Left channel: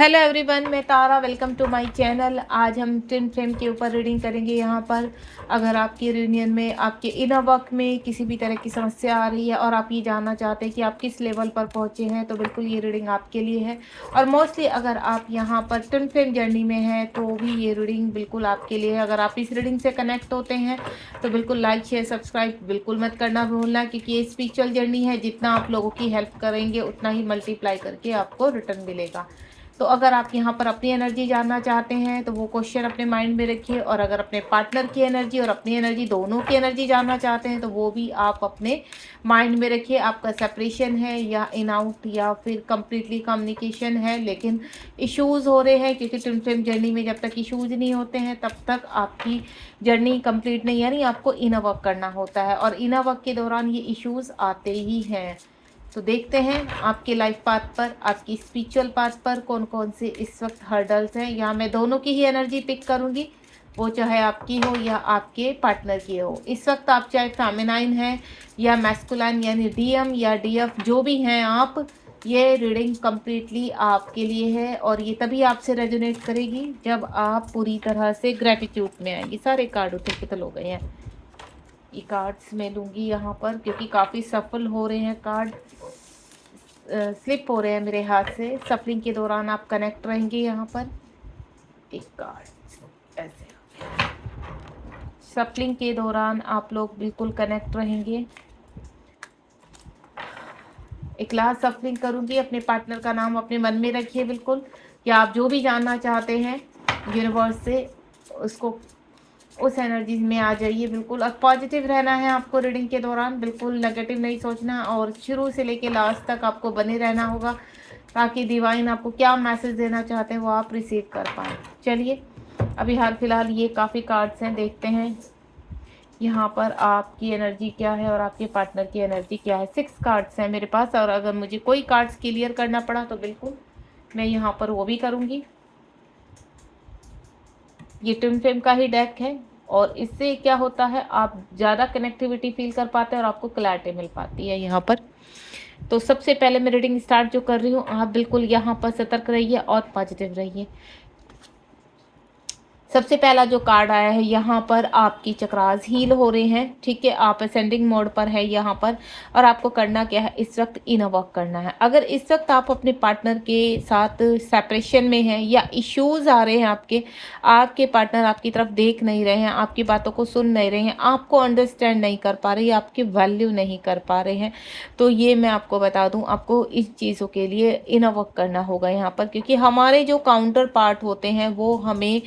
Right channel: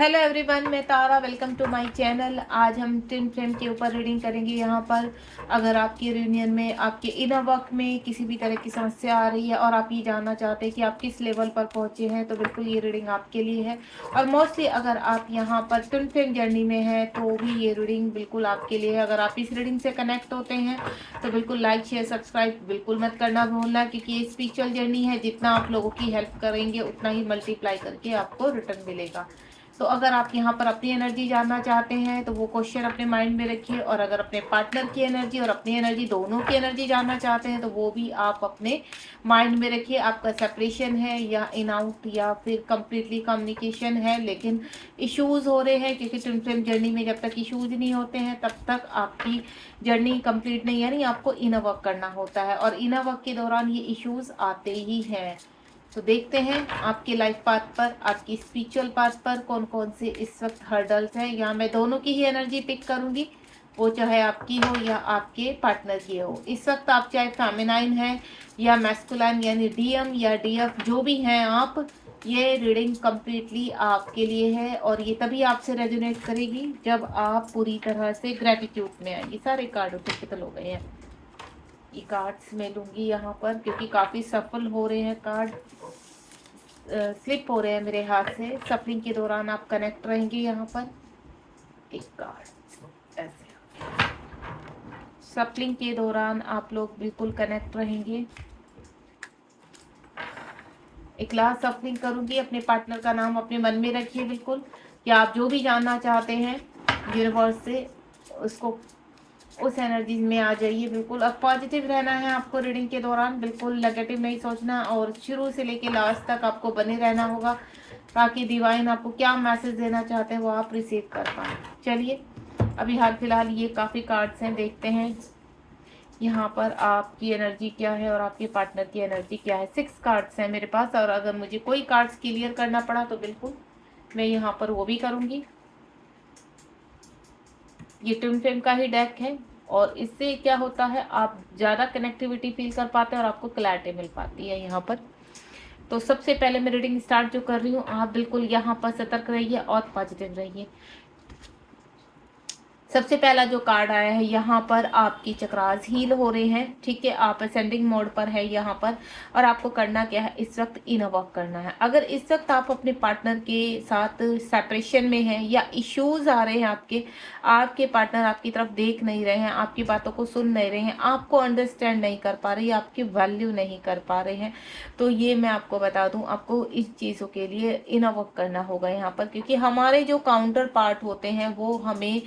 Hello everyone, मैं Tara. Welcome to my channel. आज हम ट्विन फ्लेम के ऊपर रीडिंग करेंगे। यहाँ पर अगर आपकी रियूनियन में, आपके इनर वर्क में किसी भी तरह की समस्या आ रही है और आप ये जानना चाहते हैं कि आप किस लेवल पर पहुँचे हैं, तो बिल्कुल ये रीडिंग आपके लिए है। और मोस्टली अगर आप यहाँ पर ट्विन फ्लेम जर्नी में हैं तो भी ये रीडिंग बिल्कुल आपके लिए है। अगर आप इस रीडिंग से कनेक्ट होते हैं तो बिल्कुल लाइक शेयर सब्सक्राइब बिल्कुल मत करना भूलना, क्योंकि ये स्पिरिचुअल जर्नी है। जितना आप लोगों की हेल्प करेंगे उतना ही मल्टीप्लाई करके आपको रिटर्न मिलेगा। तो अगर आप यहाँ पर अपनी एनर्जी जानना चाहते हैं तो वो क्वेश्चन अपने माइंड में रखिए, और अगर अपने पार्टनर की एनर्जी और अपनी एनर्जी दोनों की एनर्जी जानना चाहते हैं तो वो भी आप अपने माइंड में रखिए। आपका सेपरेशन है या इन आउट या फिर कंप्लीटली कम्युनिकेशन है, लेकिन इश्यूज हो रहे हैं, क्योंकि ट्विन फ्लेम जर्नी में जब तक इश्यूज नहीं होते हैं तब तक आपकी जर्नी कंप्लीट नहीं, यानी आपको इनर वर्क करना होता है, और इनर वर्क के दौरान ये इश्यूज आते ही हैं। तो देखते हैं आपके लाइफ पाथ पर, आपकी स्पिरिचुअल पाथ पर कौन कौन से इस वक्त हर्डल्स हैं। यहाँ मैं दोनों की ही एनर्जी पिक करूंगी, वो चाहे आपकी हो या आपके पार्टनर की हो। इस वक्त आप चाहे फेमिनाइन हैं या मैस्कुलाइन, यानी डीएम या डीएफ जो भी हैं आप, ये रीडिंग कम्प्लीटली आपके लिए है। और ये तभी आपसे रेजोनेट करेगी जब आप पूरी तरह से ग्रेटिट्यूड में आएंगे। सारे कार्ड उठे पितल हो गए हैं। ये कार्ड्स मैं लूँगी यहाँ पर, क्योंकि काफ़ी सफल हो रहे हैं कार्ड, स्लिप हो रहे हैं मेरे हाथ से। सफरिंग के दौरान आप कनेक्ट रहेंगे। यहाँ पर एक कार्ड ऐसे, सफरिंग के दौरान आप लोग बिल्कुल कनेक्ट रहेंगे। एक लास्ट सफरिंग करूँगी। अपने पार्टनर का नाम अपने मन में रखिए बिल्कुल, या आप जो भी जानना चाहते हैं यूनिवर्स से, उसको उस एनर्जी में आ जाइए बिल्कुल। अब पॉजिटिव रहना है आपको रीडिंग के दौरान, बिल्कुल नेगेटिव नहीं सोचना, और शुरू से लेके लास्ट तक आपको बने रहना होगा, ताकि डिवाइन आपको क्या मैसेज देना चाहते हैं वो आप रिसीव कर पाएँ। चलिए, अभी हाल फिलहाल ये काफ़ी कार्ड्स हैं, देखते हैं यहाँ पर आपकी एनर्जी क्या है और आपके पार्टनर की एनर्जी क्या है। 6 कार्ड्स हैं मेरे पास, और अगर मुझे कोई कार्ड्स क्लियर करना पड़ा तो बिल्कुल मैं यहाँ पर वो भी करूँगी। ये ट्विन फ्लेम का ही डेक है, और इससे क्या होता है, आप ज़्यादा कनेक्टिविटी फील कर पाते हैं और आपको क्लैरिटी मिल पाती है यहाँ पर। तो सबसे पहले मैं रीडिंग स्टार्ट जो कर रही हूँ, आप बिल्कुल यहाँ पर सतर्क रहिए और पॉजिटिव रहिए। सबसे पहला जो कार्ड आया है, यहाँ पर आपकी चक्रास हील हो रहे हैं। ठीक है, आप असेंडिंग मोड पर है यहाँ पर, और आपको करना क्या है, इस वक्त इनर वर्क करना है। अगर इस वक्त आप अपने पार्टनर के साथ सेपरेशन में हैं या इश्यूज आ रहे हैं, आपके पार्टनर आपकी तरफ देख नहीं रहे हैं, आपकी बातों को सुन नहीं रहे हैं, आपको अंडरस्टैंड नहीं कर पा रहे हैं, आपकी वैल्यू नहीं कर पा रहे हैं, तो ये मैं आपको बता दूं, आपको इस चीज़ों के लिए इनर वर्क करना होगा यहाँ पर। क्योंकि हमारे जो काउंटर पार्ट होते हैं वो हमें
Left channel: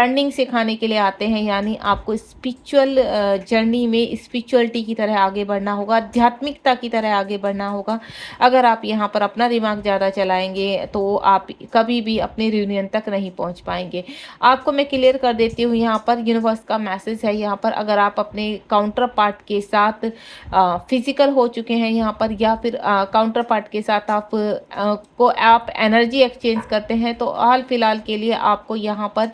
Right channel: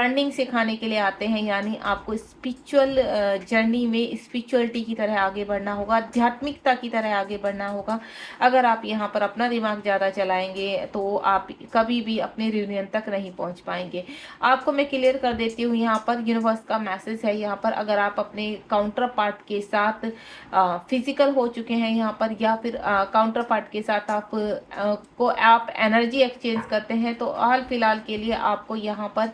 लर्निंग सिखाने के लिए आते हैं, यानी आपको स्पिरिचुअल जर्नी में स्पिरिचुअलिटी की तरह आगे बढ़ना होगा, आध्यात्मिकता की तरह आगे बढ़ना होगा। अगर आप यहाँ पर अपना दिमाग ज़्यादा चलाएंगे तो आप कभी भी अपने रियूनियन तक नहीं पहुँच पाएंगे। आपको मैं क्लियर कर देती हूँ, यहाँ पर यूनिवर्स का मैसेज है। यहाँ पर अगर आप अपने काउंटर पार्ट के साथ फिजिकल हो चुके हैं यहाँ पर, या फिर काउंटर पार्ट के साथ आप एनर्जी एक्सचेंज करते हैं, तो हाल फिलहाल के लिए आपको यहाँ पर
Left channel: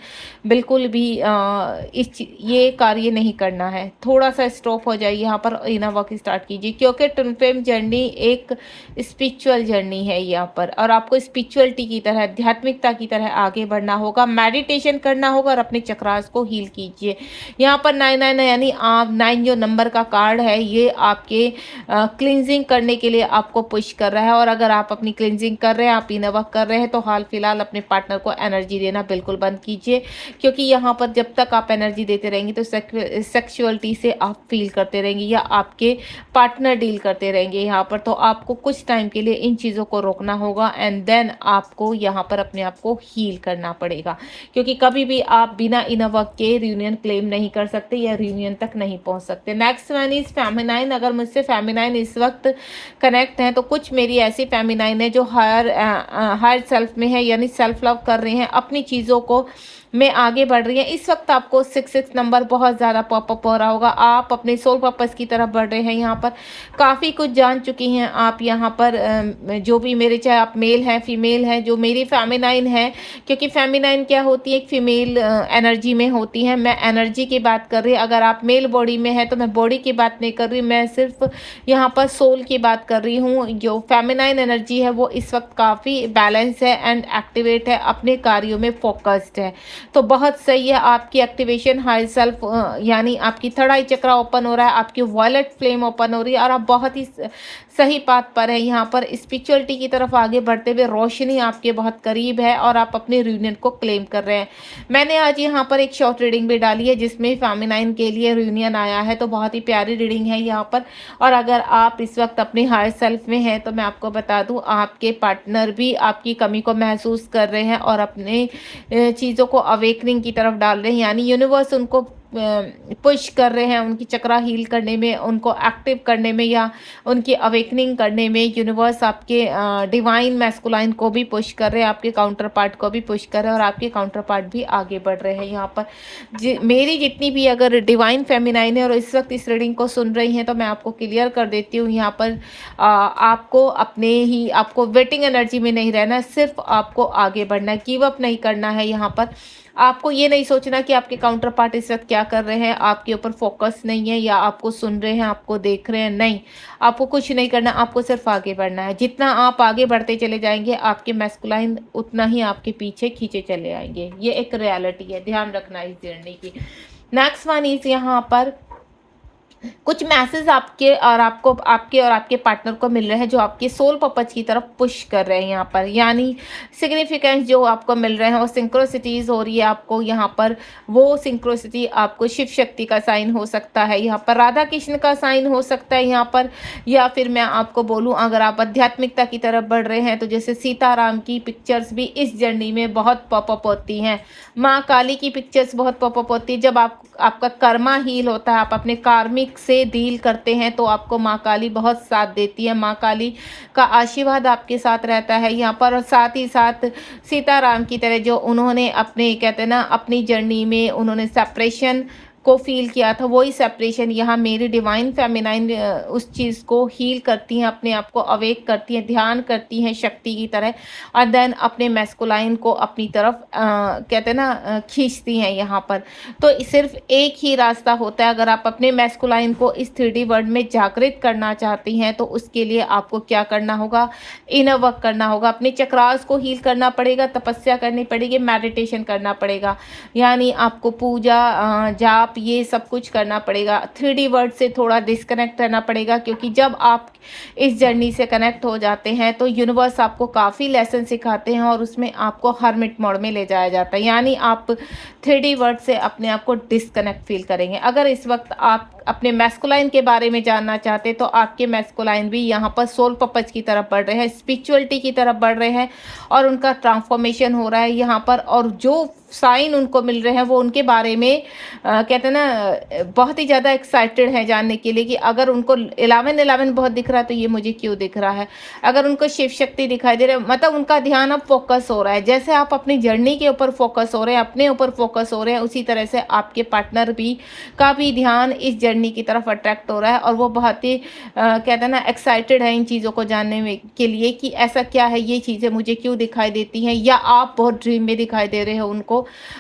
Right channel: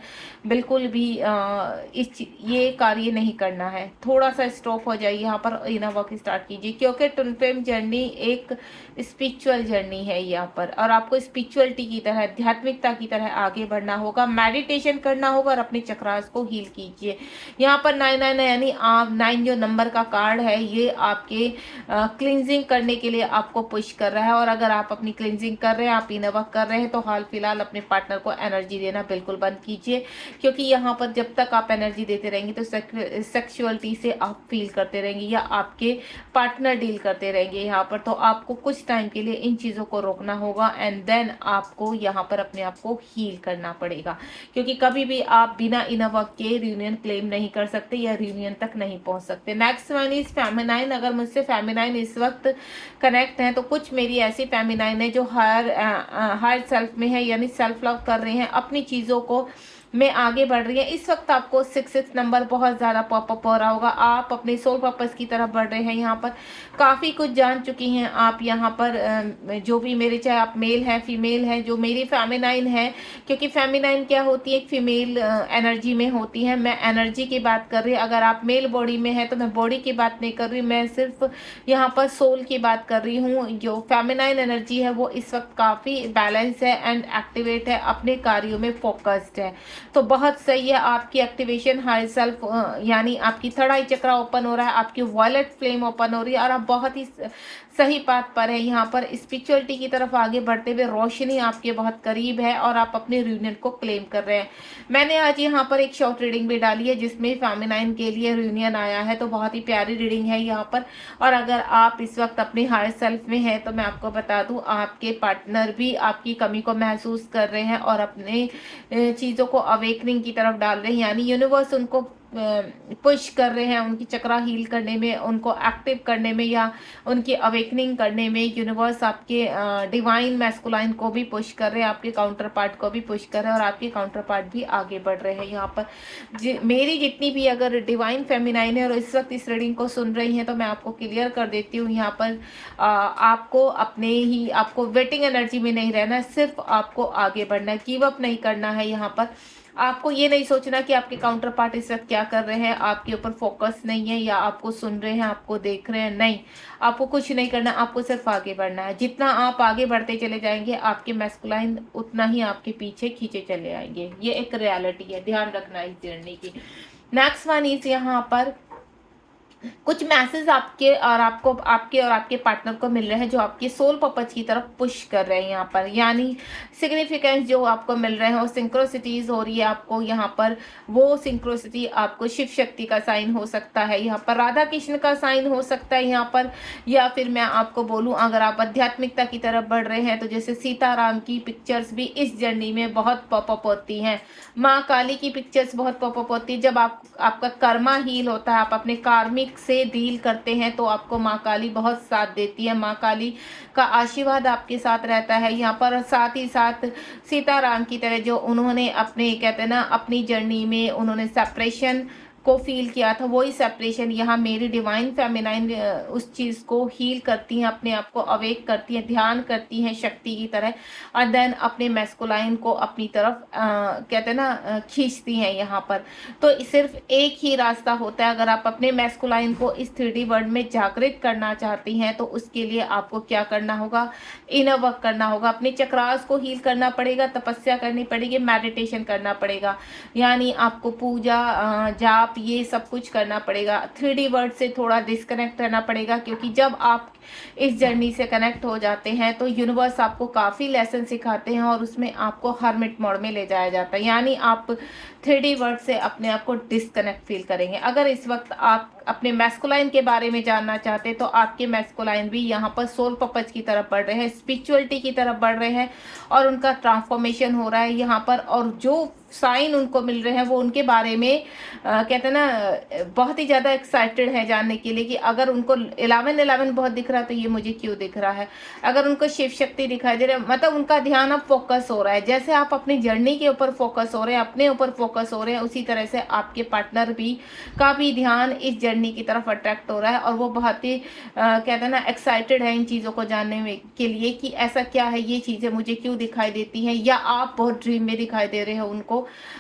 बिल्कुल भी ये कार्य नहीं करना है। थोड़ा सा स्टॉप हो जाइए यहाँ पर, इनर वर्क स्टार्ट कीजिए, क्योंकि ट्विन फ्लेम जर्नी एक स्पिरिचुअल जर्नी है यहाँ पर, और आपको स्पिरिचुअलिटी की तरह, आध्यात्मिकता की तरह आगे बढ़ना होगा, मेडिटेशन करना होगा, और अपने चक्रास को हील कीजिए। यहाँ पर 99 यानी आप 9 जो नंबर का कार्ड है, ये आपके क्लिनजिंग करने के लिए आपको पुश कर रहा है। और अगर आप अपनी क्लिनजिंग कर रहे हैं, आप इनर वर्क कर रहे हैं, तो हाल फिलहाल अपने पार्टनर को एनर्जी देना बिल्कुल बंद कीजिए, क्योंकि यहाँ पर जब तक आप एनर्जी देते रहेंगे तो सेक्सुअलिटी से आप फील करते रहेंगे, या आपके पार्टनर डील करते रहेंगे यहाँ पर। तो आपको कुछ टाइम के लिए इन चीज़ों को रोकना होगा, एंड देन आपको यहाँ पर अपने आप को हील करना पड़ेगा, क्योंकि कभी भी आप बिना इनर वर्क के रियूनियन क्लेम नहीं कर सकते या रियूनियन तक नहीं पहुँच सकते। Next one is feminine. अगर मुझसे फेमिनाइन इस वक्त कनेक्ट हैं, तो कुछ मेरी ऐसी फेमिनाइन है जो हायर सेल्फ में है, यानी सेल्फ लव कर रहे हैं, अपनी चीज़ों को में आगे बढ़ रही हैं। इस वक्त आपको 6 नंबर बहुत ज़्यादा पॉपअप हो रहा होगा। आप अपने सोल पर्पस की तरफ बढ़ रहे हैं। यहाँ पर काफ़ी कुछ जान चुकी हैं आप। यहाँ पर जो भी मेरे, चाहे आप मेल हैं फीमेल हैं, जो मेरी फेमिनाइन है, क्योंकि फेमिनाइन क्या होती है, एक फीमेल एनर्जी में होती है। मैं एनर्जी की बात कर रही हूँ। अगर आप मेल बॉडी में है तो मैं बॉडी की बात नहीं कर रही, मैं सिर्फ यहाँ पर सोल की बात कर रही हूँ। जो फेमिनाइन एनर्जी है वो इस वक्त काफ़ी बैलेंस है एंड एक्टिवेट है, अपने कार्यों में फोकस्ड है। तो बहुत सही है आपकी एक्टिवेशन। हाई सेल्फ यानी आपकी थर्ड आई चक्रा ओपन हो रहा है, आपकी वॉयलेट फ्लेम ओपन हो रही है और आप बहुत ही सही बात पर है। यहाँ पर स्पिरिचुअलिटी की तरफ आगे बढ़ते हुए रोशनी आपके बहुत करीब है और आप अपने यूनियन को क्लेम कर रहे हैं। मैंने आज यहाँ पर एक शॉर्ट रीडिंग भी डाली है जिसमें फेमिनाइन के लिए यूनियन आया है, तो बहुत ही प्यारी रीडिंग है यहाँ पर। और अगर आप इस वक्त अपने हायर सेल्फ में हैं तो मैं आपको बता दूं, आपके पार्टनर भी आपकी कमी को महसूस कर रहे हैं और अपने चीज़ों को अवेकनिंग की तरफ डाल रहे हैं। यानी यूनिवर्स उनको पुश कर रहे हैं, उनकी चक्रा हील करने में, उनको एक्टिव करने में या उनकी अवेकनिंग करने में। यूनिवर्स आपके डिवाइन मैस्कुलाइन को भी पुश कर रहे हैं, आपके काउंटर पार्ट को भी पुश कर रहे हैं और आपके काउंटर पार्ट भी आगे बढ़ रहे हैं। यहाँ पर मेरी जितनी भी अगर डिवाइन फेमिनाइन है और इस वक्त इस रीडिंग को सुन रही हैं तो मैं आपको क्लियर कर देती हूँ। यहाँ पर आपको अपने ही, आपको वेटिंग एनर्जी में नहीं रहना है, सिर्फ आपको आगे बढ़ना है, गिव अप नहीं करना है। यहाँ पर आपको ये नहीं सोचना कि आपके काउंटर पार्ट इस वक्त क्या कर रहे हैं, आपके ऊपर फोकस नहीं है या आपको सुन रहे हैं, आपको देख रहे हैं, नहीं। आपको कुछ नहीं करना, आपको सिर्फ आगे बढ़ना है। जितना आप आगे बढ़ते चले जाएंगे आपके मैस्कुलाइन उतना ही आपके पीछे खींचे चले आएंगे। ये एक रियलिटी है, ध्यान रखना इस जर्नी की। नेक्स्ट वन इज यहाँ पर कुछ मैसेज आपके और आपके पार्टनर को मिल रहे हैं जो आपके सोल पर्पस की तरफ पुश कर रहे हैं। यहाँ पर यानी सिग्निफिकेंस जो आपको मिल रहे हैं वो सिंक्रोसिटीज हो रही है आपको। यहाँ पर वो सिंक्रोसिटी आपको शिव शक्ति का साइन हो सकता है, यहाँ पर राधा कृष्ण का साइन हो सकता है यहाँ पर, या फिर मैं आपको बोलूँ अगर आप आध्यात्मिकता की तरफ बढ़ रहे हैं तो जैसे सीताराम की पिक्चर्स भी इस जर्नी में बहुत पॉपअप होती हैं। माँ काली की पिक्चर्स बहुत पॉपअप होती है। जब आपका कर्मा हील होता है, आप अपने कार्मिक से डील करते हैं तो आपको माँ काली बहुत साथ देती है। माँ काली का आशीर्वाद आपके साथ रहता है यहाँ पर। और साथ ही साथ सीताराम की तरह जो उन्होंने अपने, कहते हैं ना, अपनी जर्नी में उन्होंने सेपरेशन को फील किया था, वही सेपरेशन यहाँ मेरी डिवाइन फेमिनाइन उस चीज़ को हील करती हैं, अपने आप को अवेक करती हैं, ध्यान करती हैं शक्ति की तरह, और देन अपने मैस्कुलाइन को अपनी तरफ कहते हैं ना खींचती हैं यहाँ पर। तो सिर्फ एक ही रास्ता होता है। अगर आप अपने मैस्कुलाइन को इस 3D वर्ल्ड में जागृत करना चाहती हैं तो उसके लिए आपको क्या करना होगा, इनर वर्क करना होगा, अपने चक्रास को हील करना पड़ेगा, तपस्या करनी पड़ेगी, मेडिटेशन करना पड़ेगा। यानी आपको पूजा जाप ये सब कुछ करना पड़ेगा। 3D वर्ल्ड से थोड़ा डिस्कनेक्ट रहना पड़ेगा, क्योंकि जब आप इस जर्नी से कनेक्ट हो जाते हैं तो यूनिवर्स आपको काफ़ी लेसन सिखाते हैं और उसमें आपको हर्मिट मोड में ले जाया जाता है। यानी आप 3D वर्ल्ड से अपने आप को डिस्कनेक्ट फील करेंगे। अगर इस वक्त आप अपने मैस्कुलाइन के बारे में जानना चाहते तो आपके मैस्कुलाइन भी यहाँ पर सोल पर्पस की तरफ बढ़ रहे हैं, स्पिरिचुअलिटी की तरफ बढ़ रहे हैं और उनका ट्रांसफॉर्मेशन हो रहा है यहाँ पर। और जो साइन उनको मिल रहे हैं वो उनके बारे में कहते हैं ना बहुत ही ज़्यादा एक्साइटेड है जानने के लिए कि अगर उनको 11-11 बहुत दिख रहा है तो ये मुझे क्यों दिख रहा है। अगर उनको शिव शक्ति दिखाई दे रहा है, मतलब उनका ध्यान अब फोकस हो रहा है। जैसे आप अपनी जर्नी के ऊपर फोकस हो रहे हैं, अपने ऊपर फोकस हो रहे हैं, उसी तरह से आपके पार्टनर भी का भी ध्यान इस जर्नी की तरफ अट्रैक्ट हो रहा है और वो बहुत ही कहते हैं ना एक्साइटेड है इन चीज़ों को जानने में के लिए कि ऐसा क्या है, ये चीज़ें मुझे क्यों दिखाई देती हैं, या आप बहुत ड्रीम में दिखाई दे रहे हो उनको।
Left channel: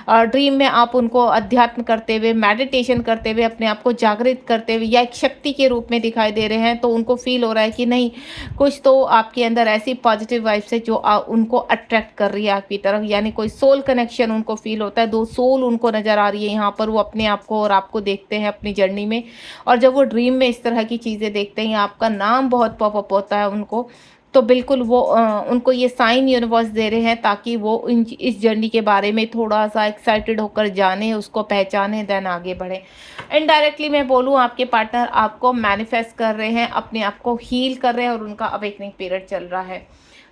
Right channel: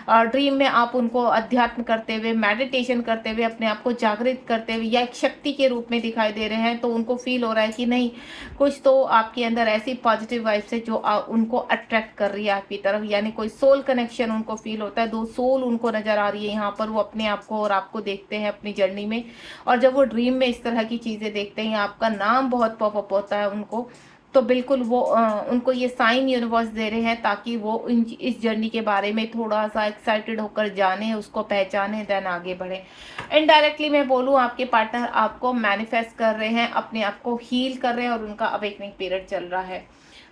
ड्रीम में आप उनको अध्यात्म करते हुए, मेडिटेशन करते हुए, अपने आप को जागृत करते हुए या एक शक्ति के रूप में दिखाई दे रहे हैं, तो उनको फील हो रहा है कि नहीं, कुछ तो आपके अंदर ऐसी पॉजिटिव वाइब्स है जो उनको अट्रैक्ट कर रही है आपकी तरफ। यानी कोई सोल कनेक्शन उनको फील होता है, दो सोल उनको नजर आ रही है यहाँ पर। वो अपने आप को और आपको देखते हैं अपनी जर्नी में, और जब वो ड्रीम में इस तरह की चीज़ें देखते हैं, आपका नाम बहुत पॉपअप होता है उनको, तो बिल्कुल वो उनको ये साइन यूनिवर्स दे रहे हैं ताकि वो इस जर्नी के बारे में थोड़ा सा एक्साइटेड होकर जाने, उसको पहचाने, देन आगे बढ़े। इनडायरेक्टली मैं बोलूँ आपके पार्टनर आपको मैनिफेस्ट कर रहे हैं, अपने आप को हील कर रहे हैं और उनका अवेकनिंग पीरियड चल रहा है।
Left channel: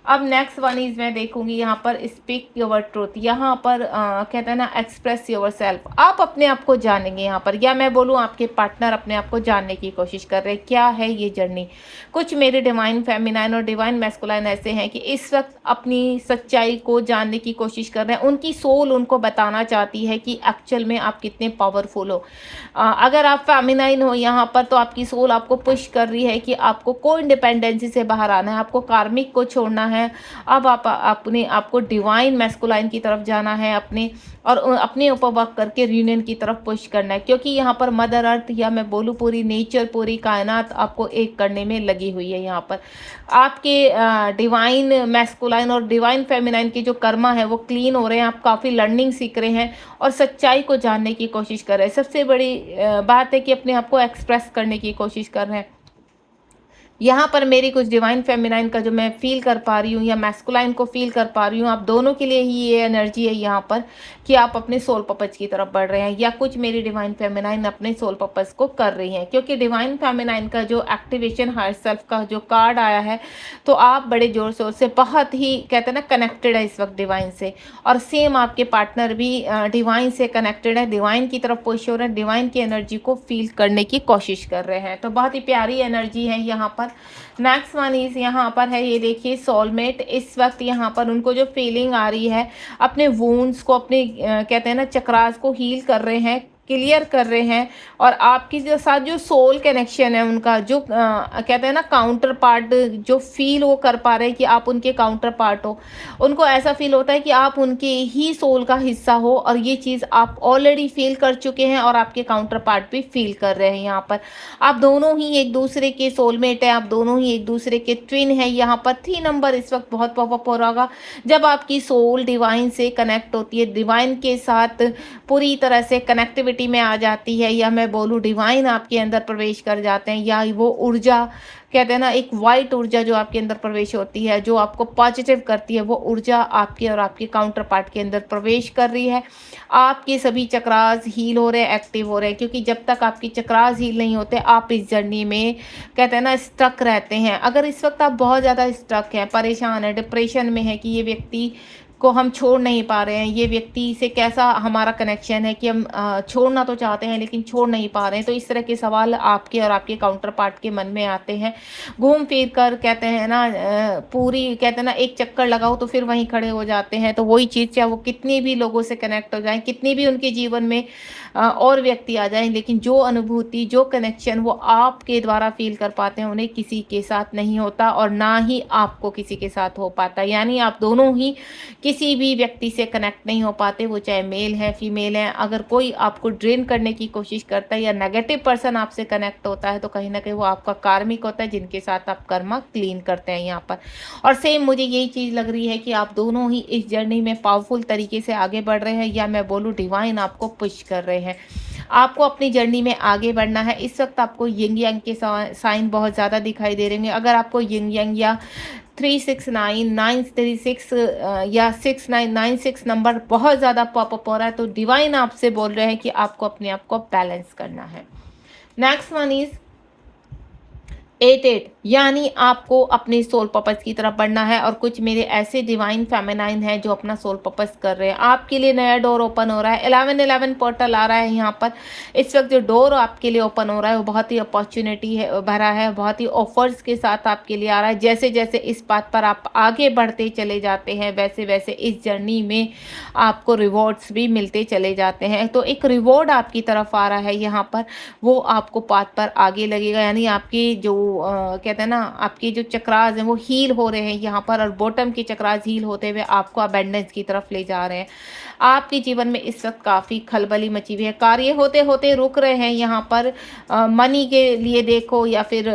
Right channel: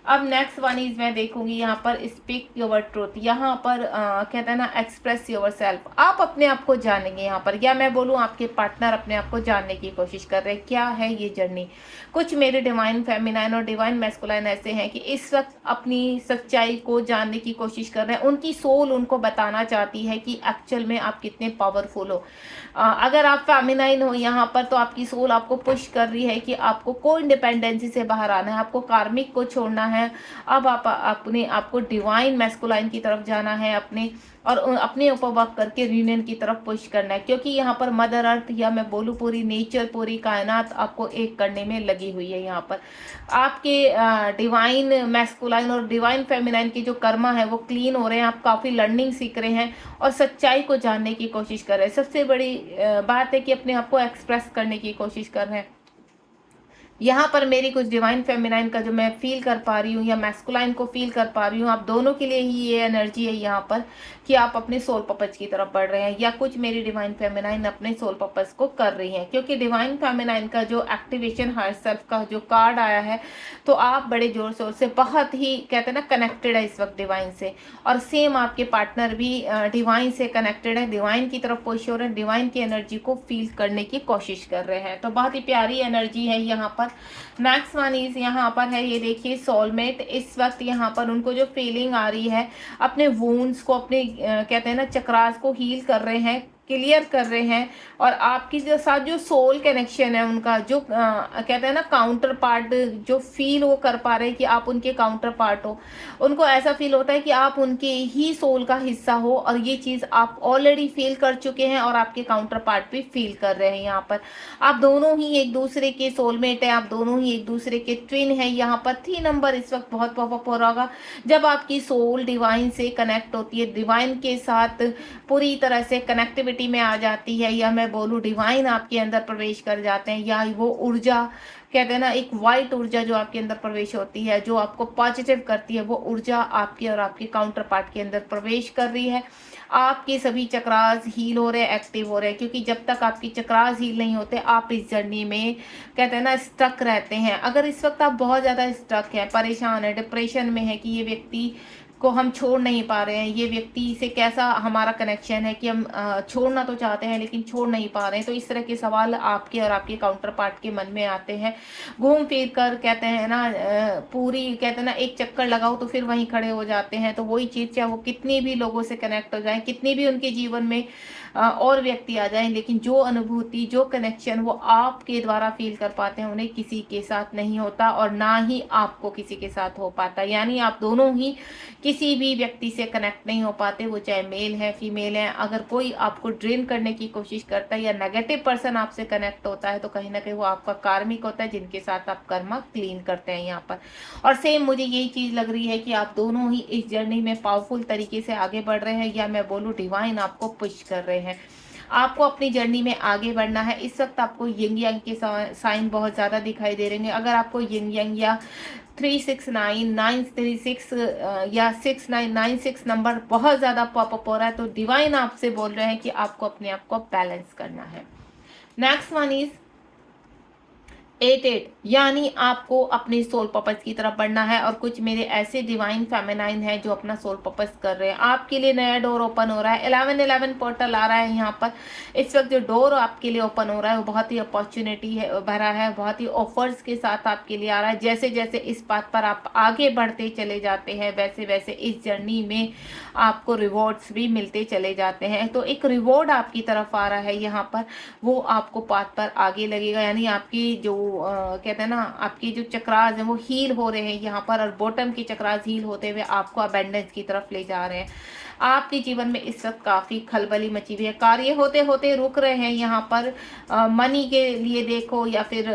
अब नेक्स्ट वन इज मैं देखूंगी यहाँ पर स्पीक योर ट्रूथ। यहाँ पर कहते हैं ना एक्सप्रेस योर सेल्फ। आप अपने आप को जानेंगे यहाँ पर, या मैं बोलूँ आपके पार्टनर अपने आप को जानने की कोशिश कर रहे हैं। क्या है ये जर्नी? कुछ मेरे डिवाइन फेमिनाइन और डिवाइन मैस्कुलाइन ऐसे हैं कि इस वक्त अपनी सच्चाई को जानने की कोशिश कर रहे हैं। उनकी सोल उनको बताना चाहती है कि एक्चुअल में आप कितने पावरफुल हो। अगर आप फेमिनाइन हो यहाँ पर, तो आपकी सोल आपको पुश कर रही है कि आपको को इंडिपेंडेंसी से बाहर आना है, आपको कार्मिक को छोड़ना है। अब आप अपने आपको डिवाइन मैस्कुलाइन की तरफ जाना है, अपने ऊपर वर्क करके यूनियन की तरफ पुश करना है, क्योंकि यहाँ पर मदर अर्थ, या मैं बोलूँ पूरी नेचर, पूरी कायनात आपको एक करने में लगी हुई है। यहाँ पर आपके डिवाइन मैस्कुलाइन और डिवाइन फेमिनाइन के जो कर्मा है वो क्लीन हो रहे हैं। आप काफ़ी लर्निंग सीख रहे हैं और सच्चाई को जानने की कोशिश कर रहे हैं। सबसे बड़ी बात है कि अपने आप को एक्सप्रेस करने की कोशिश कर रहे हैं। यहाँ पर मेरी कुछ डिवाइन फेमिनाइन का जो मैं फील कर पा रही हूँ, या मैस्कुलाइन को फील कर पा रही हूँ, आप दोनों के लिए ही ये एनर्जी है यहाँ पर कि आप अपने सोल पर्पस की तरफ बढ़ रहे हैं, या कुछ मेरी डिवाइन फेमिनाइन अपने सोल पर्पस को कर रही हैं। क्योंकि डिवाइन फेमिनाइन का जो एक्टिवेशन हायर सेल्फ का जो कार्ड आया है, तो आप बड़े जोर शोर से बहुत ही कहते हैं ना कनेक्टेड है इस वक्त डिवाइन से। और सेम आपके पार्टनर भी डिवाइन से कनेक्टेड है, डिवाइन की तरफ पुश हो रहे हैं, डिवाइन की एनर्जी को फील करने की कोशिश कर रहे हैं। तो बहुत ही प्यारी एनर्जी है यहाँ पर। नेक्स्ट वन इज यहाँ पर है, ये देखिए सोलमेट। इस वक्त यहाँ पर उनको जो फीलिंग आ रही है, अपने वुंड्स को, अपने कहते हैं ना चक्रास को हील कर रहे हैं, क्लियर कर रहे हैं। और आपकी जो साथ जो सोल कनेक्शन है उनका, जो कहते हैं ना काउंटर पार्ट, जो फील वो कर पा रहे हैं कि आप उनके काउंटर पार्ट हो। उनको ऐसा फील होता है कि आप उनके ही सोल का हिस्सा हो, और ये चीज़ आप ऑलरेडी फील कर चुके हैं और आपके काउंटर पार्ट भी फील कर रहे हैं। यहाँ पर आप दोनों ही एक दूसरे के सोलमेट है, आप दोनों ही एक दूसरे के ट्विन है। यहाँ पर 3 नंबर इस वक्त बहुत पॉपअप हो रहा होगा। जब आपकी सोल डिवाइन से कनेक्ट होती है, डिवाइन के साथ पूरी तरह से कनेक्टिविटी में आ जाती है, या मैं बोलूँ डिवाइन आपके अंदर प्रवेश कर जाते हैं, या वो ऊर्जा कहते हैं ना एक वाइट ऊर्जा जो आपके अंदर प्रवेश होती है, जो आपको पॉजिटिव करती है, वो ऊर्जा आपके और आपके काउंटर पार्ट के अंदर प्रवेश कर रही है। आपके सभी चक्रास हील हो रहे हैं, एक्टिव हो रहे हैं। क्योंकि जब तक आपकी चक्रास हील नहीं होते, आप इस जर्नी में कहते हैं ना स्टक रहते हैं। अगर इस वक्त आप बहुत ज़्यादा स्टक हैं, परेशान है, डिप्रेशन में है कि ये व्यक्ति को हम छोड़ नहीं पा रहे हैं, ये व्यक्ति से कैसा हमारा कनेक्शन है कि हम छोड़ना तो चाहते हैं लेकिन छोड़ नहीं पा रहे हैं, तो इस तरह के सवाल आपके और आपके काउंटर पार्ट के मन में आते हैं। घूम फिर कर कहते हैं ना पूरी कहते हैं ना एक चक्कर लगाओ तो फिर वहीं खड़े हो जाते हैं। तो वही चीज़, चाहे वो कितनी भी लोगों से कनेक्ट हो जाएं, कितनी भी उनके जीवन में और व्यक्ति आ जाएं, लेकिन जो अनुभूति, जो कनेक्शन वो आपके द्वारा फील कर पाते हैं, उन्हें किसी के साथ नहीं होता, और ना ही आपको किसी के साथ हो पाता। यानी आप दोनों ही किसी भी व्यक्ति से कनेक्ट नहीं हो पाते, वो चाहे मेल है फीमेल है। अगर कोई आपको ड्रेन करने की कोशिश करता है, या नेगेटिव पर्सन आपसे कनेक्ट होता है, तो कहीं ना कहीं वो आपका कार्मिक होता है, जिनके साथ आप कर्मा क्लीन करते हैं यहाँ पर। और सेम मुझे यही चीज़ लग रही है कि आप दोनों ही इस जर्नी में पावरफुल तरीके से आगे बढ़ रहे हैं, या मैं बोलूँ डिवाइन आपको पुश कर रहे हैं। आपको अपनी जर्नी में आगे बढ़ना है। इस वक्त आपको यिंग यांग के साइन बहुत ज़्यादा दिखाई दे रहे हैं। अगर आपको यिंग यांग या 369 936 या 6996 नंबर बहुत ज़्यादा पॉपअप हो रहा है, तो डिवाइन आपसे बोल रहे हैं कि आपको अपने आप को बैलेंस करना है। नेक्स्ट वन इज 88, यानी आपको अपने सोल पर्पस की तरफ बढ़ना है। और कुछ मेरे ऐसे डिवाइन फेमिनाइन हैं जो अपना सोल पर्पस कर रहे हैं। आपके लिए नया डोर ओपन हो रहा है। 1111 पोर्टल आ रहा है यहाँ पर। इस वक्त जो डोर आपके लिए ओपन हो रहा है वो बहुत ही अपॉर्चुनिटी है भरा है, बहुत ही ऑफर्स के साथ आपके लिए आ रहा है। जैसे जैसे इस बात पर आप आगे बढ़ते चले जाते हैं, वैसे वैसे इस जर्नी में आपको रिवॉर्ड्स भी मिलते चले जाते हैं। तो एक रिवॉर्ड आपकी तरफ आ रहा है यहाँ पर, वो आपको पाथ पर आगे लगेगा। यानी आपकी जो कहते हैं ना आपकी जो चक्रास हैं वो हील हो रहे हैं यहाँ पर, और बॉटम की चक्रास हील होते हुए आपको अबेंडेंस की तरफ ले जा रहे हैं। आपके जीवन में इस वक्त काफ़ी खलबली मची हुई है। कार्य होते होते रुक रहे हैं यहाँ पर। मनी के लिए देखो, या फिर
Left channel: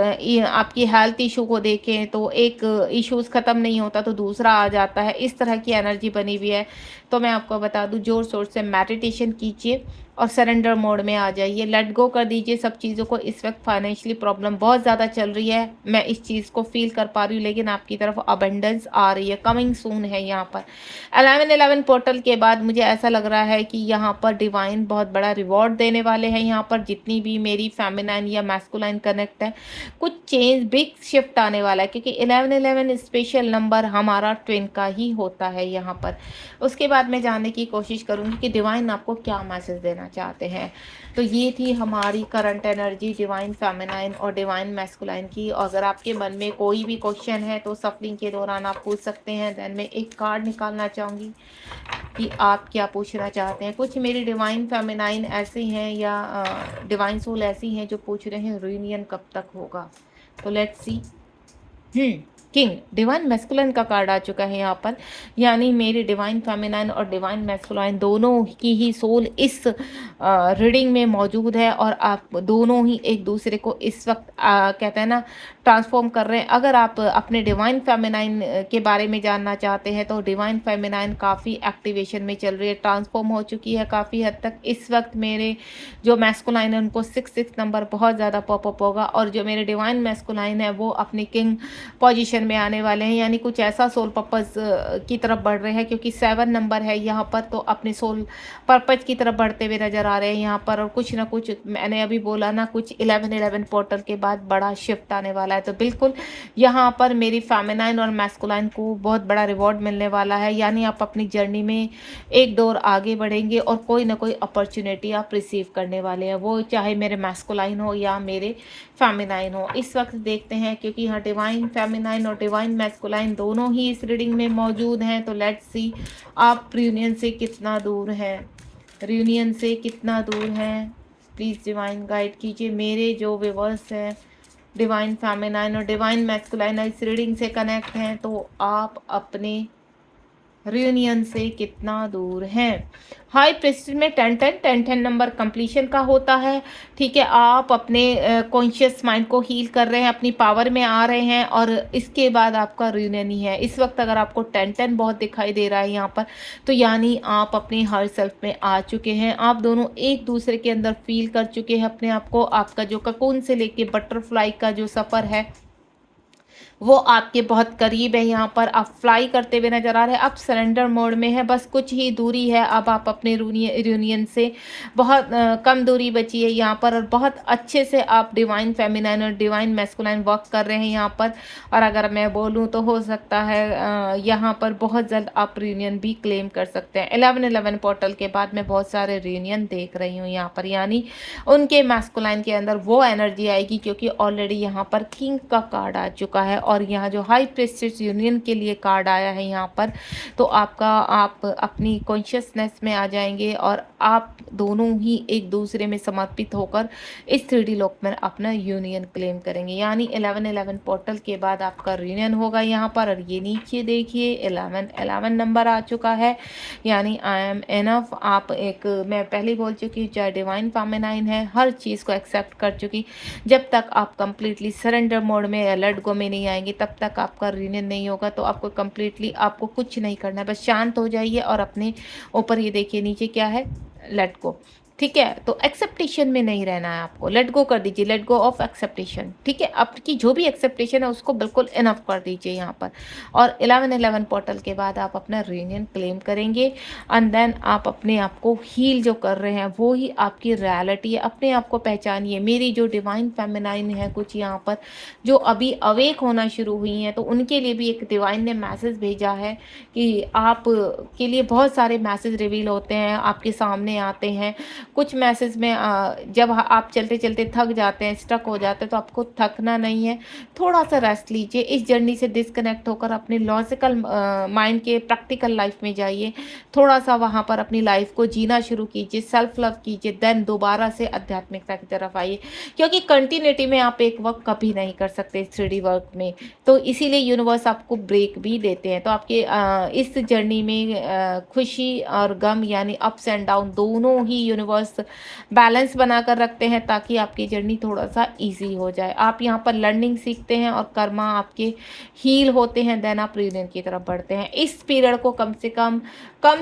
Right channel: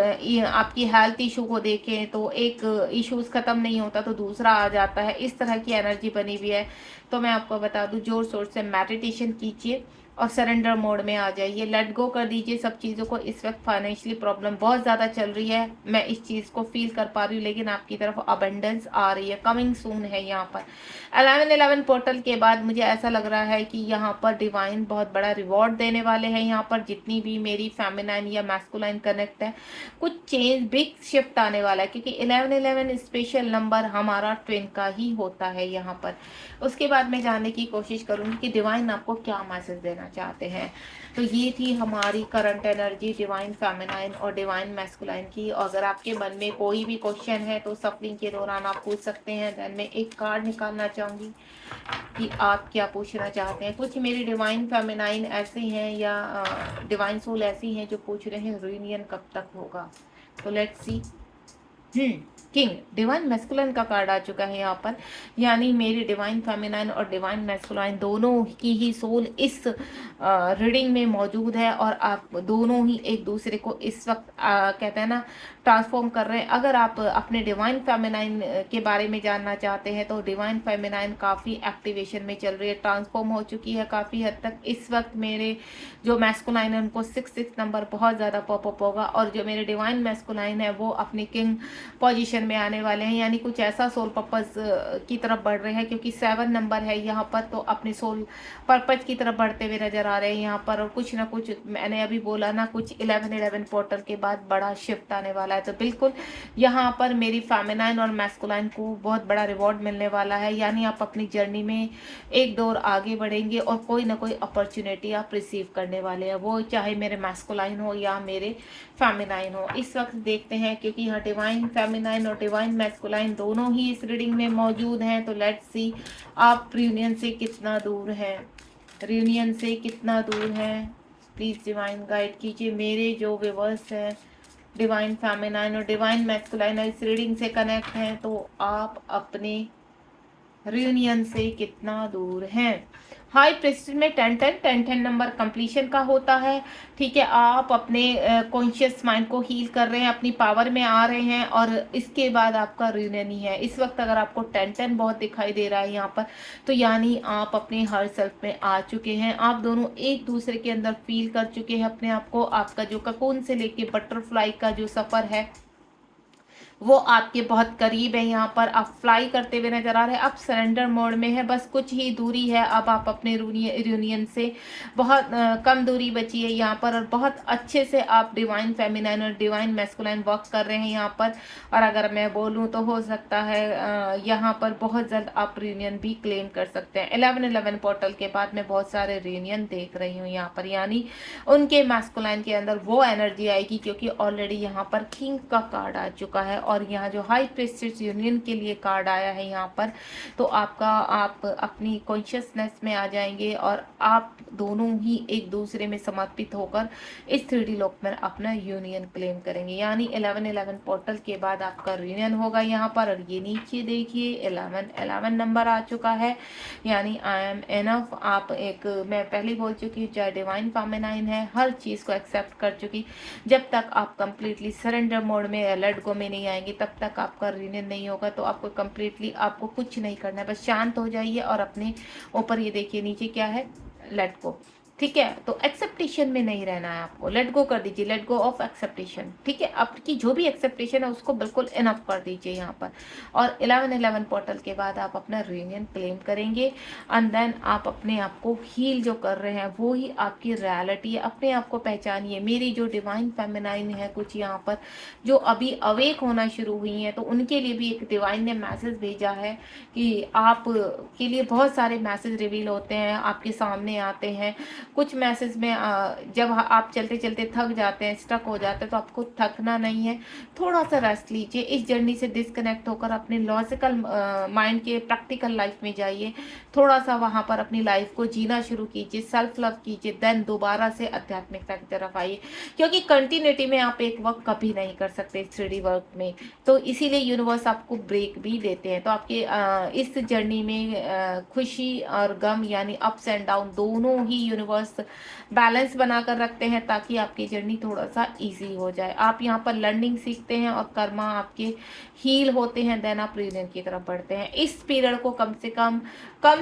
आपकी हेल्थ इशू को देखें, तो एक इश्यूज ख़त्म नहीं होता तो दूसरा आ जाता है। इस तरह की एनर्जी बनी हुई है। तो मैं आपको बता दूं, जोर शोर से मेडिटेशन कीजिए और सरेंडर मोड में आ जाइए, लेट गो कर दीजिए सब चीज़ों को। इस वक्त फाइनेंशियली प्रॉब्लम बहुत ज़्यादा चल रही है, मैं इस चीज़ को फील कर पा रही हूँ, लेकिन आपकी तरफ अबंडेंस आ रही है, कमिंग सून है यहाँ पर। 11-11 पोर्टल के बाद मुझे ऐसा लग रहा है कि यहाँ पर डिवाइन बहुत बड़ा रिवॉर्ड देने वाले हैं। यहाँ पर जितनी भी मेरी फेमिनाइन या मैस्कुलाइन कनेक्ट है, कुछ चेंज, बिग शिफ्ट आने वाला है, क्योंकि 11-11 स्पेशल नंबर हमारा ट्विन का ही होता है यहाँ पर। उसके बाद मैं जानने की कोशिश करूँगी कि डिवाइन आपको क्या मैसेज देना चाहते हैं। तो ये थी हमारी करंट एनर्जी डिवाइन फेमिनाइन और डिवाइन मैस्कुलाइन की। और अगर आपके मन में कोई भी क्वेश्चन है तो सफलिंग के दौरान आप पूछ सकते हैं। देन मैं एक कार्ड निकालना चाहूँगी कि आप क्या पूछना चाहते हैं। कुछ मेरे डिवाइन फेमिनाइन ऐसे हैं या डिवाइन सोल ऐसी हैं जो पूछ रहे हैं रियूनियन कब तक होगा। तो let's see. King divine masculine का कार्ड आ चुका है यहाँ पर, यानी मेरे डिवाइन फेमिनाइन और डिवाइन मैस्कुलाइन दोनों की ही सोल इस रीडिंग में मौजूद है, और आप दोनों ही एक दूसरे को इस वक्त कहते हैं ना ट्रांसफॉर्म कर रहे हैं। अगर आप अपने डिवाइन फेमिनाइन के बारे में जानना चाहते हैं तो डिवाइन फेमिनाइन काफ़ी एक्टिवेशन में चल रही है, ट्रांसफॉर्म हो चुकी है काफ़ी हद तक। इस वक्त मेरे जो मैस्कुलाइन है उनको 6 नंबर बहुत ज़्यादा पॉपअप होगा, और जो मेरे डिवाइन मैस्कुलाइन है वो अपनी किंग पोजीशन में आने वाले हैं, यानी कुछ ऐसा सोल पर्पस की तरफ बढ़ रहे हैं, क्योंकि 7 नंबर है यहाँ पर, तो अपने सोल पर्पस की तरफ बढ़ते हुए नजर आ रहे हैं यहाँ पर। और कुछ ना कुछ मैंने अभी बोला ना, कुछ 11-11 पोर्टल के बाद बड़ा शिफ्ट आने वाला है। तो बिल्कुल यहाँ पर मेरी फेमिनाइन और मैस्कुलाइन को बहुत बड़ा रिवॉर्ड मिलने वाला है, यानी आप अपनी जर्नी में एक डोर आगे बढ़ेंगे और कोई ना कोई अपॉर्चुनिटी आप रिसीव करने वाले हैं, वो चाहे मेरे मैस्कुलाइन हो या मेरे फेमिनाइन हो। इस वक्त देखते हैं, क्योंकि यहाँ डिवाइन फेमिनाइन और डिवाइन मैस्कुलाइन दोनों ही इस रीडिंग में मौजूद हैं। तो लेट्स सी आप रियूनियन से कितना दूर हैं, रियूनियन से कितना दूर हैं। प्लीज़ डिवाइन गाइड कीजिए मेरे जो व्यूअर्स हैं डिवाइन फेमिनाइन और डिवाइन मैस्कुलाइन इस रीडिंग से कनेक्ट हैं, तो आप अपने रियूनियन से कितना दूर हैं। हाई प्रेस्टिज में 10-10 नंबर कंप्लीशन का होता है। ठीक है, आप अपने कॉन्शियस माइंड को हील कर रहे हैं, अपनी पावर में आ रहे हैं, और इसके बाद आपका रियूनियन ही है। इस वक्त अगर आपको 10-10 बहुत दिखाई दे रहा है यहाँ पर, तो यानी आप अपनी हर सेल्फ में आ चुके हैं। आप दोनों एक दूसरे के अंदर फील कर चुके हैं अपने आप को। आपका जो ककून से लेके बटरफ्लाई का जो सफ़र है वो आपके बहुत करीब है। यहाँ पर आप फ्लाई करते हुए नजर आ रहे हैं, आप सरेंडर मोड में है, बस कुछ ही दूरी है। अब आप अपने रियूनियन से बहुत कम दूरी बची है यहाँ पर, और बहुत अच्छे से आप डिवाइन फेमिनाइन और डिवाइन मैस्कुलाइन वर्क कर रहे हैं यहाँ पर। और अगर मैं बोलूँ तो हो सकता है यहाँ पर बहुत जल्द आप रियूनियन भी क्लेम कर सकते हैं। 11-11 पोर्टल के बाद मैं बहुत सारे रियूनियन देख रही हूँ यहाँ पर, यानी उनके मैस्कुलाइन के अंदर वो एनर्जी आएगी, क्योंकि ऑलरेडी यहाँ पर किंग का कार्ड आ चुका है, और यहाँ जो हाई प्रेस्टिज यूनियन के लिए कार्ड आया है यहाँ पर, तो आप अपनी कॉन्शियसनेस में आ जाएंगे, और आप दोनों ही एक दूसरे में समर्पित होकर इस 3D लोक में अपना यूनियन क्लेम करेंगे। यानी 11-11 पोर्टल के बाद आपका यूनियन होगा यहाँ पर। और ये नीचे देखिए 11-11 नंबर आ चुका है, यानी आई एम एनफ। आप एक, मैं पहले बोल चुकी हूँ, चाहे डिवाइन फेमिनाइन है, हर चीज़ को एक्सेप्ट कर चुकी। जब तक आप कंप्लीटली सरेंडर मोड में या लेट गो में नहीं आएंगे तब तक आपका रियूनियन नहीं होगा। तो आपको कंप्लीटली, आपको कुछ नहीं करना है, बस शांत हो जाइए और अपने ऊपर ये देखिए नीचे क्या है, लेट गो। ठीक है, तो एक्सेप्टेशन में नहीं रहना है आपको, लेट गो कर दीजिए, लेट गो ऑफ एक्सेप्टेशन। ठीक है, आपकी जो भी एक्सेप्टेशन है उसको बिल्कुल इनफ कर दीजिए यहाँ पर। और 11-11 पोर्टल के बाद आप अपना रियूनियन क्लेम करेंगे, एंड देन आप अपने आप को हील जो कर रहे हैं वो ही आपकी रियलिटी है। अपने आप को पहचानिए। मेरी जो डिवाइन फेमिनाइन है कुछ यहाँ पर जो अभी अवेक होना शुरू हुई हैं, तो उनके लिए भी एक डिवाइन ने मैसेज भेजा है कि आप के लिए बहुत सारे मैसेज रिवील होते हैं, आपके सामने आते हैं। कुछ मैसेज में जब आप चलते चलते थक जाते हैं, स्टक हो जाते हैं, तो आपको थकना नहीं है, थोड़ा सा रेस्ट लीजिए, इस जर्नी से डिस्कनेक्ट होकर अपने लॉजिकल माइंड के प्रैक्टिकल लाइफ में जाइए, थोड़ा सा वहाँ पर अपनी लाइफ को जीना शुरू कीजिए, सेल्फ लव कीजिए, देन दोबारा से आध्यात्मिकता की तरफ आइए, क्योंकि कंटिन्यूटी में आप एक वर्क कभी नहीं कर सकते 3D वर्क में। तो इसीलिए यूनिवर्स आपको ब्रेक भी देते हैं। तो आपके इस जर्नी में खुशी और गम यानी अप्स एंड डाउन दोनों ही यूनिवर्स बैलेंस बनाकर रखते हैं, ताकि आपकी जर्नी थोड़ा सा इजी हो जाए। आप यहाँ पर लर्निंग सीखते हैं और कर्मा आपके हील होते हैं, देन आप रियूनियन की तरफ बढ़ते हैं। इस पीरियड को कम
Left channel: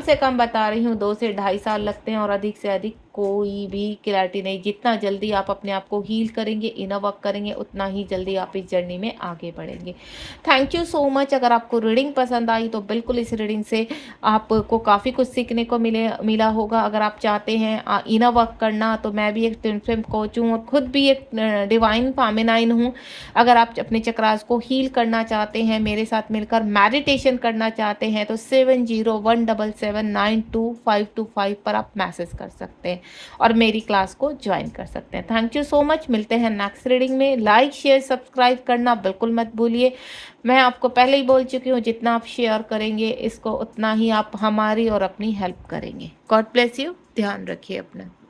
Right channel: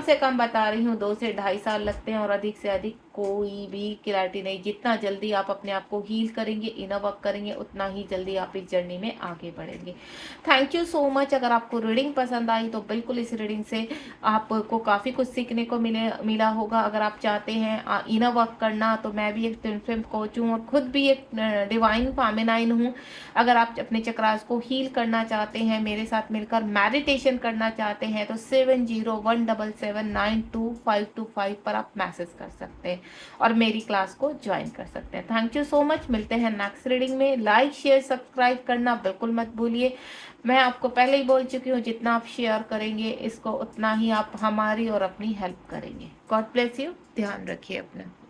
से कम बता रही हूँ 2 से 2.5 साल लगते हैं, और अधिक से अधिक कोई भी क्लैरिटी नहीं। जितना जल्दी आप अपने आप को हील करेंगे, इनर वर्क करेंगे, उतना ही जल्दी आप इस जर्नी में आगे बढ़ेंगे। Thank you so much. अगर आपको रीडिंग पसंद आई तो बिल्कुल इस रीडिंग से आपको काफ़ी कुछ सीखने को मिला होगा। अगर आप चाहते हैं इनर वर्क करना, तो मैं भी एक ट्विन फ्लेम कोच हूँ और खुद भी एक डिवाइन फेमिनाइन हूँ। अगर आप अपने चक्रास को हील करना चाहते हैं, मेरे साथ मिलकर मेडिटेशन करना चाहते हैं, तो 7017792525 पर आप मैसेज कर सकते हैं और मेरी क्लास को ज्वाइन कर सकते हैं। Thank you so much. मिलते हैं नेक्स्ट रीडिंग में। लाइक शेयर सब्सक्राइब करना बिल्कुल मत भूलिए। मैं आपको पहले ही बोल चुकी हूँ, जितना आप शेयर करेंगे इसको, उतना ही आप हमारी और अपनी हेल्प करेंगे। God bless you. ध्यान रखिए अपना।